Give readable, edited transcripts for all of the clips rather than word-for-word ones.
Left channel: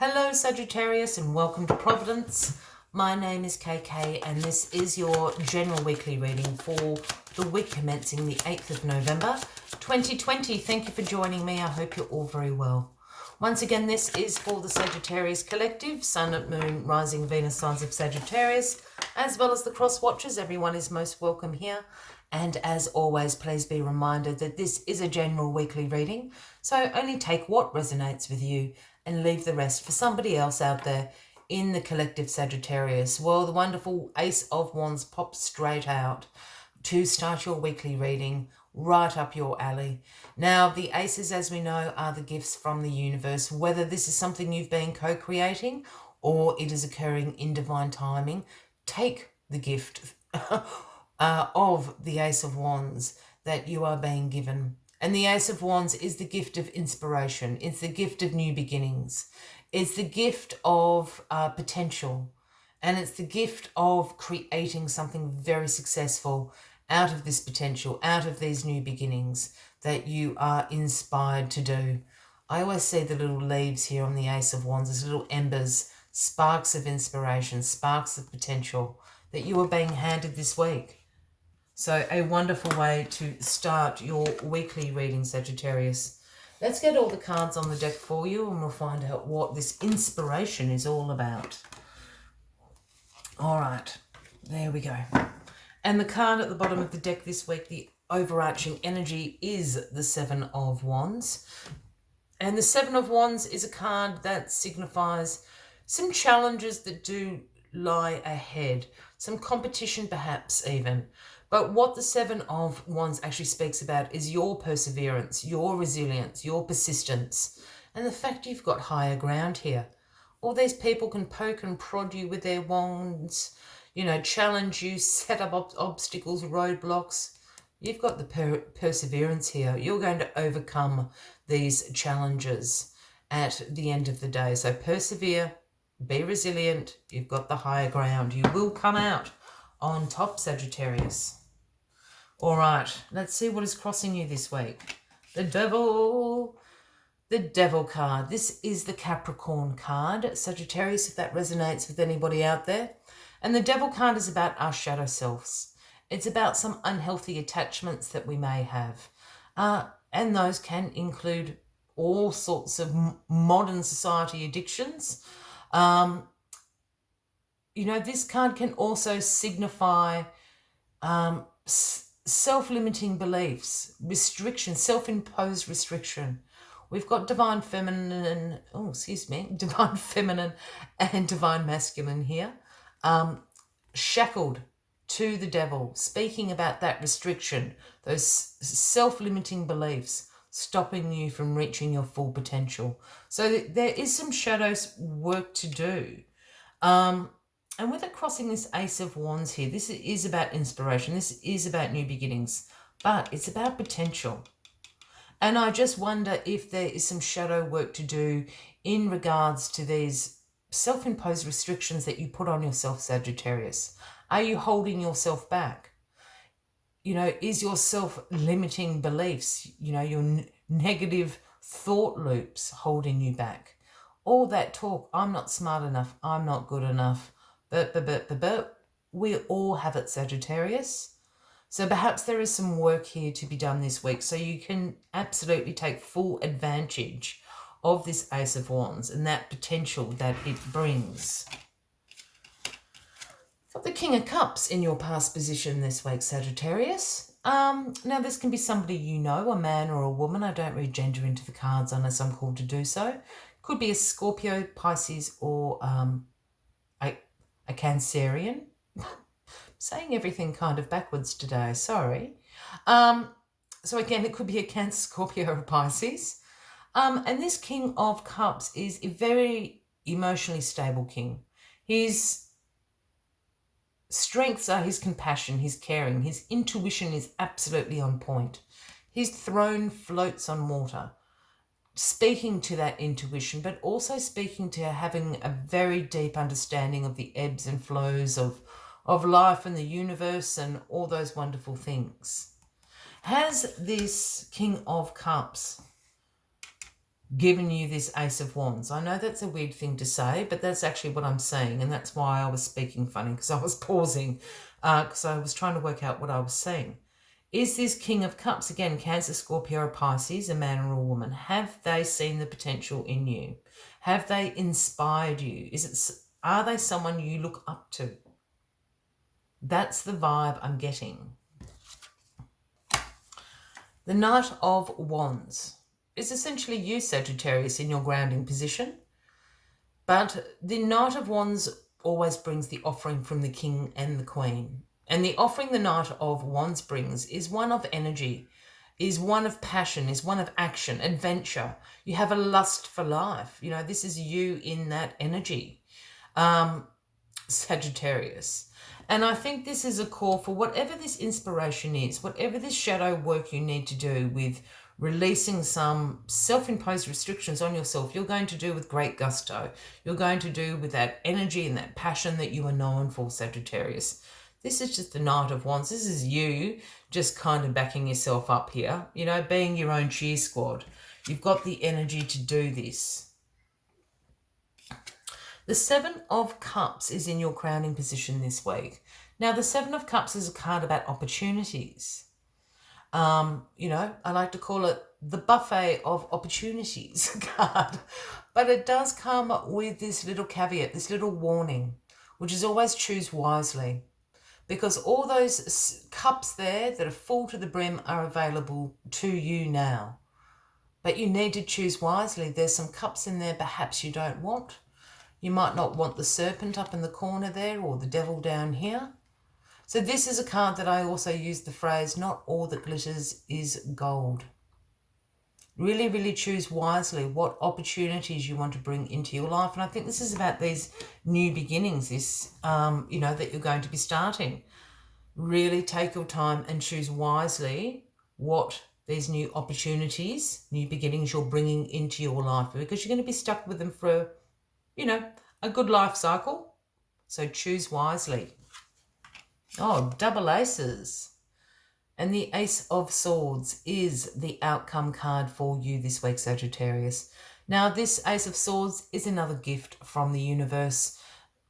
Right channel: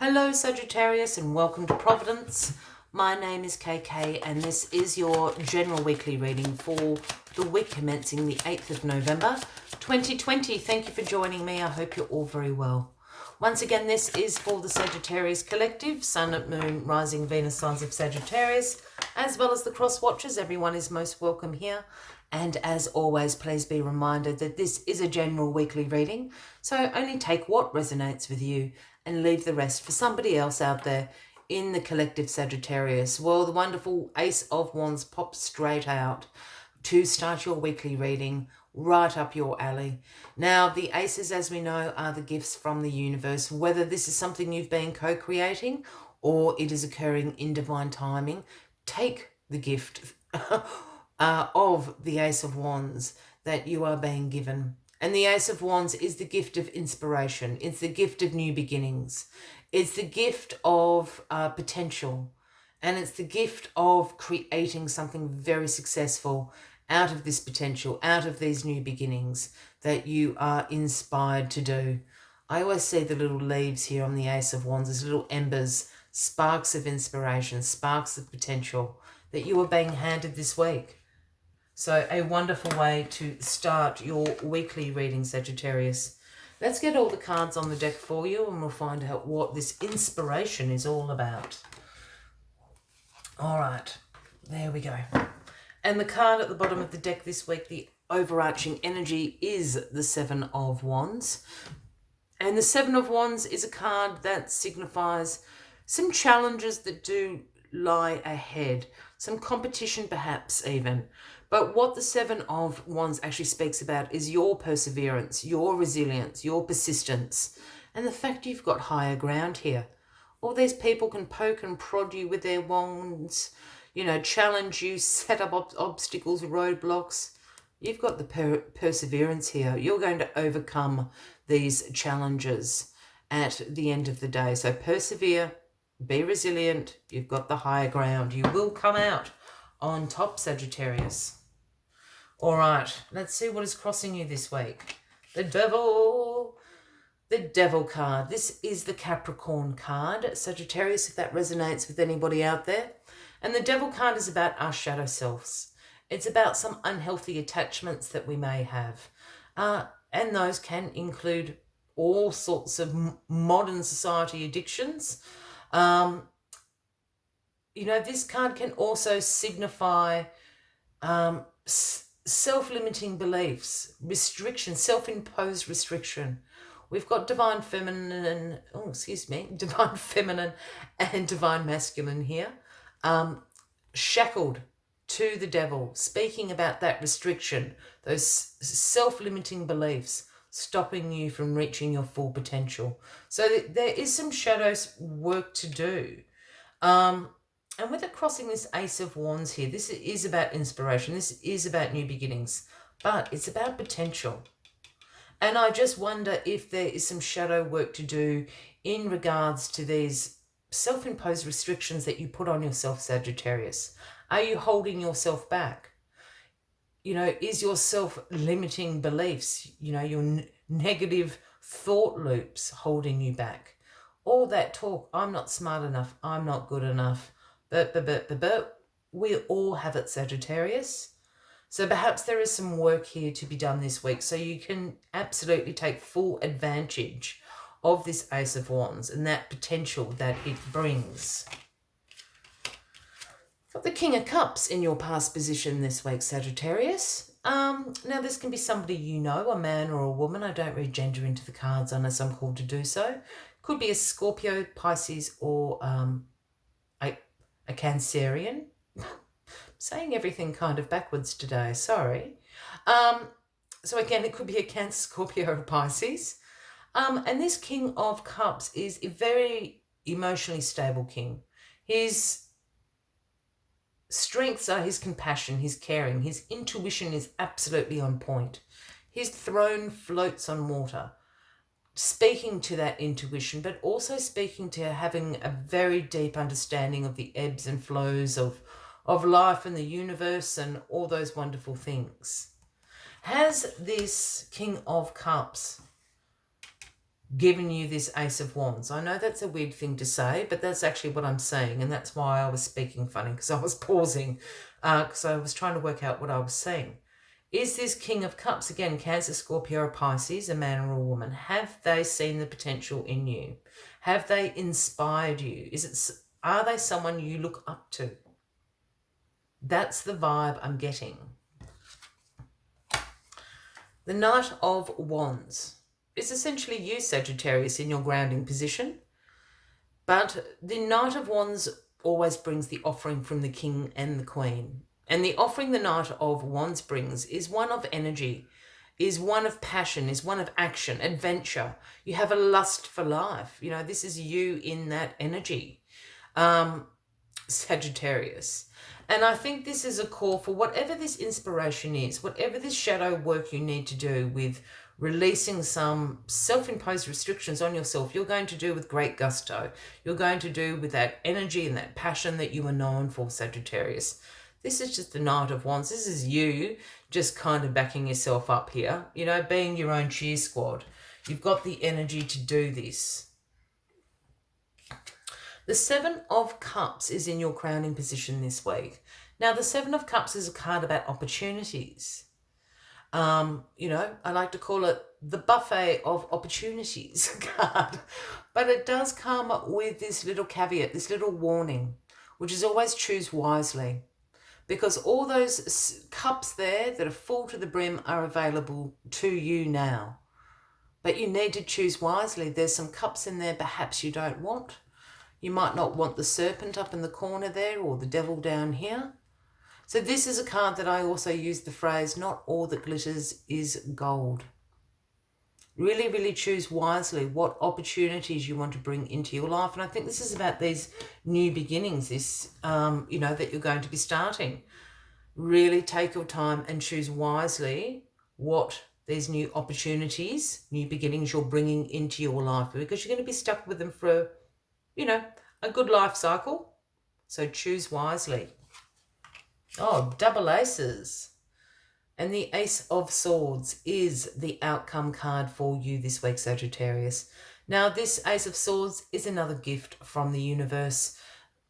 Hello Sagittarius and welcome to Providence. My name is KK and this is your general weekly reading for the week commencing the 8th of November 2020. Thank you for joining me. I hope you're all very well. Once again, this is for the Sagittarius Collective, Sun, Moon, Rising, Venus signs of Sagittarius, as well as the cross watchers. Everyone is most welcome here. And as always, please be reminded that this is a general weekly reading, so only take what resonates with you and leave the rest for somebody else out there in the collective Sagittarius. Well, the wonderful Ace of Wands pops straight out to start your weekly reading, right up your alley. Now, the aces, as we know, are the gifts from the universe. Whether this is something you've been co-creating or it is occurring in divine timing, take the gift of the Ace of Wands that you are being given. And the Ace of Wands is the gift of inspiration. It's the gift of new beginnings. It's the gift of potential. And it's the gift of creating something very successful out of this potential, out of these new beginnings that you are inspired to do. I always see the little leaves here on the Ace of Wands as little embers, sparks of inspiration, sparks of potential that you are being handed this week. So a wonderful way to start your weekly reading, Sagittarius. Let's get all the cards on the deck for you and we'll find out what this inspiration is all about. All right, there we go. And the card at the bottom of the deck this week, the overarching energy, is the Seven of Wands. And the Seven of Wands is a card that signifies some challenges that do lie ahead, some competition perhaps even. But what the Seven of Wands actually speaks about is your perseverance, your resilience, your persistence, and the fact you've got higher ground here. All these people can poke and prod you with their wands, challenge you, set up obstacles, roadblocks. You've got the perseverance here. You're going to overcome these challenges at the end of the day. So persevere, be resilient. You've got the higher ground. You will come out on top, Sagittarius. All right, let's see what is crossing you this week. The Devil card. This is the Capricorn card, Sagittarius, if that resonates with anybody out there. And the Devil card is about our shadow selves. It's about some unhealthy attachments that we may have. And those can include all sorts of modern society addictions. This card can also signify self-limiting beliefs, restriction, self-imposed restriction. We've got divine feminine and divine masculine here. Shackled to the devil, speaking about that restriction, those self-limiting beliefs, stopping you from reaching your full potential. So there is some shadows work to do. And with it crossing this Ace of Wands here, this is about inspiration. This is about new beginnings, but it's about potential. And I just wonder if there is some shadow work to do in regards to these self-imposed restrictions that you put on yourself, Sagittarius. Are you holding yourself back? Is your self-limiting beliefs, your negative thought loops holding you back? All that talk, I'm not smart enough, I'm not good enough, but we all have it, Sagittarius. So perhaps there is some work here to be done this week so you can absolutely take full advantage of this Ace of Wands and that potential that it brings. Got the King of Cups in your past position this week, Sagittarius. Now this can be somebody you know, a man or a woman. I don't read gender into the cards unless I'm called to do so. Could be a Scorpio, Pisces, or a Cancerian. Saying everything kind of backwards today, sorry. So again, it could be a Cancer, Scorpio, or Pisces. And this King of Cups is a very emotionally stable king. His strengths are his compassion, his caring, his intuition is absolutely on point. His throne floats on water, speaking to that intuition, but also speaking to having a very deep understanding of the ebbs and flows of life and the universe and all those wonderful things. Has this King of Cups given you this Ace of Wands. I know that's a weird thing to say, but that's actually what I'm saying, and that's why I was speaking funny, because I was pausing, because I was trying to work out what I was saying. Is this King of Cups, again, Cancer, Scorpio, or Pisces, a man or a woman? Have they seen the potential in you? Have they inspired you? Are they someone you look up to? That's the vibe I'm getting. The Knight of Wands is essentially you, Sagittarius, in your grounding position. But the Knight of Wands always brings the offering from the King and the Queen. And the offering the Knight of Wands brings is one of energy, is one of passion, is one of action, adventure. You have a lust for life. You know, this is you in that energy, Sagittarius. And I think this is a call for whatever this inspiration is, whatever this shadow work you need to do with releasing some self-imposed restrictions on yourself, you're going to do with great gusto. You're going to do with that energy and that passion that you are known for, Sagittarius. This is just the Knight of Wands. This is you just kind of backing yourself up here, you know, being your own cheer squad. You've got the energy to do this. The Seven of Cups is in your crowning position this week. Now, the Seven of Cups is a card about opportunities. You know, I like to call it the buffet of opportunities card. But it does come with this little caveat, this little warning, which is always choose wisely. Because all those cups there that are full to the brim are available to you now. But you need to choose wisely. There's some cups in there perhaps you don't want. You might not want the serpent up in the corner there or the devil down here. So this is a card that I also use the phrase, not all that glitters is gold. Really, really choose wisely what opportunities you want to bring into your life. And I think this is about these new beginnings, this, you know, that you're going to be starting. Really take your time and choose wisely what these new opportunities, new beginnings you're bringing into your life, because you're going to be stuck with them for, you know, a good life cycle. So choose wisely. Oh, double aces. And the Ace of Swords is the outcome card for you this week, Sagittarius. Now, this Ace of Swords is another gift from the universe.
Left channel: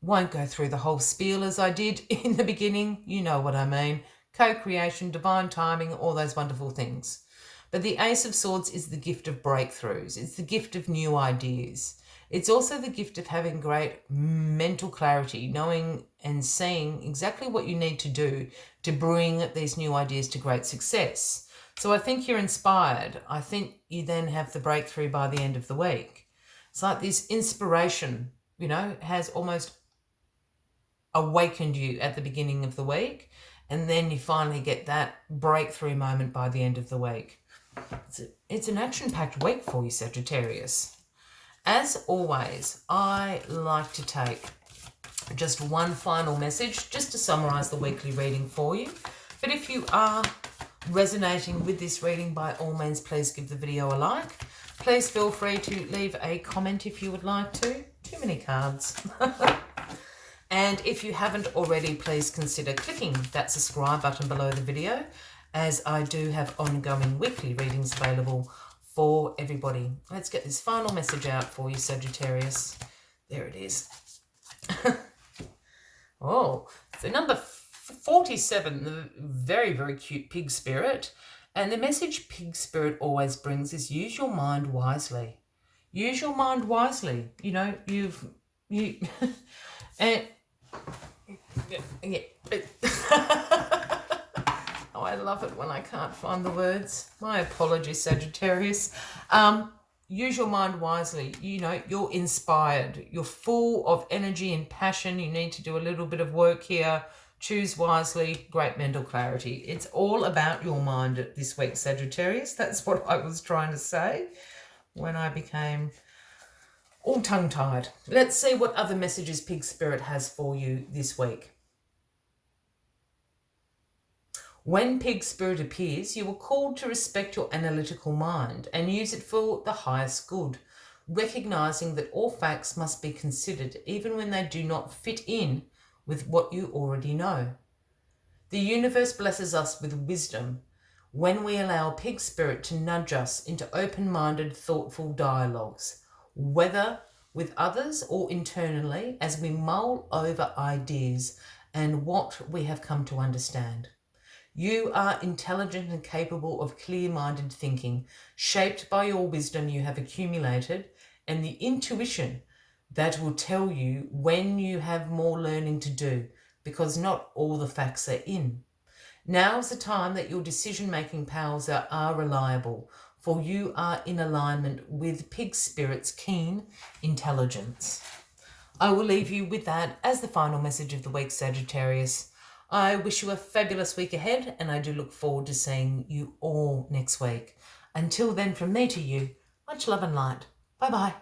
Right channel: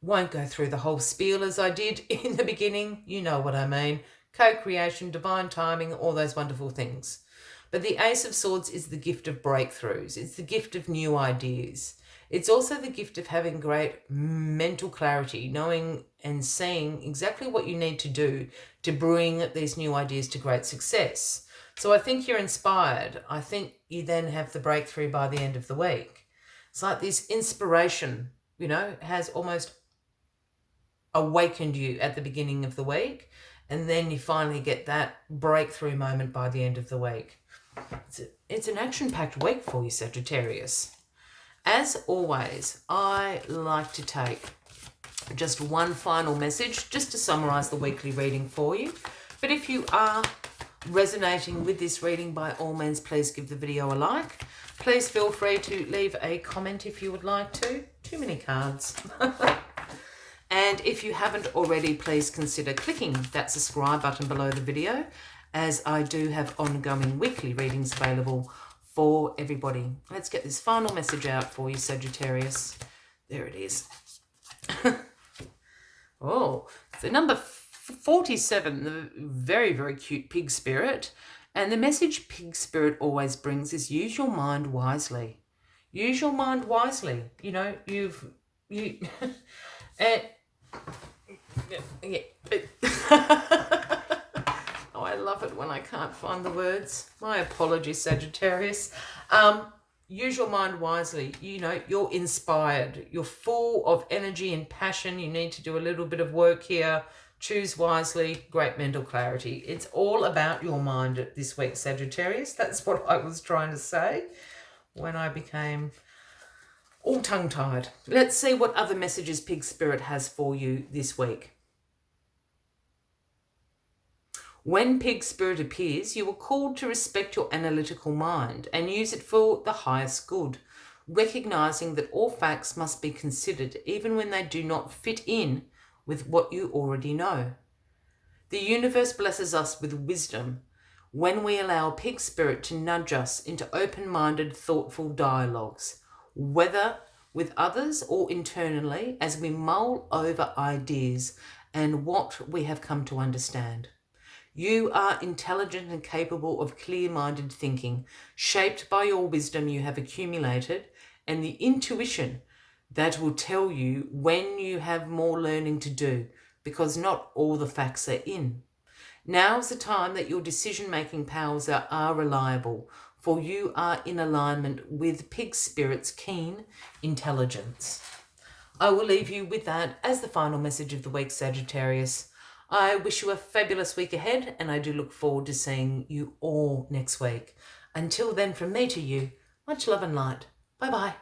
Won't go through the whole spiel as I did in the beginning. You know what I mean. Co-creation, divine timing, all those wonderful things. But the Ace of Swords is the gift of breakthroughs. It's the gift of new ideas. It's also the gift of having great mental clarity, knowing and seeing exactly what you need to do to bring these new ideas to great success. So I think you're inspired. I think you then have the breakthrough by the end of the week. It's like this inspiration, you know, has almost awakened you at the beginning of the week, and then you finally get that breakthrough moment by the end of the week. It's an action-packed week for you, Sagittarius. As always, I like to take just one final message just to summarize the weekly reading for you. But if you are resonating with this reading, by all means, please give the video a like. Please feel free to leave a comment if you would like to. Too many cards. And if you haven't already, please consider clicking that subscribe button below the video, as I do have ongoing weekly readings available for everybody. Let's get this final message out for you, Sagittarius. There it is. Oh, the number 47, the very, very cute pig spirit. And the message pig spirit always brings is use your mind wisely. Use your mind wisely. You know, Oh, I love it when I can't find the words. My apologies, Sagittarius. Use your mind wisely. You know, you're inspired. You're full of energy and passion. You need to do a little bit of work here. Choose wisely. Great mental clarity. It's all about your mind this week, Sagittarius. That's what I was trying to say when I became all tongue-tied. Let's see what other messages Pig Spirit has for you this week. When Pig Spirit appears, you are called to respect your analytical mind and use it for the highest good, recognizing that all facts must be considered even when they do not fit in with what you already know. The universe blesses us with wisdom, when we allow pig spirit to nudge us into open-minded, thoughtful dialogues, whether with others or internally, as we mull over ideas and what we have come to understand. You are intelligent and capable of clear-minded thinking, shaped by your wisdom you have accumulated and the intuition that will tell you when you have more learning to do, because not all the facts are in. Now is the time that your decision-making powers are reliable, for you are in alignment with pig spirit's keen intelligence. I will leave you with that as the final message of the week, Sagittarius. I wish you a fabulous week ahead, and I do look forward to seeing you all next week. Until then, from me to you, much love and light. Bye-bye.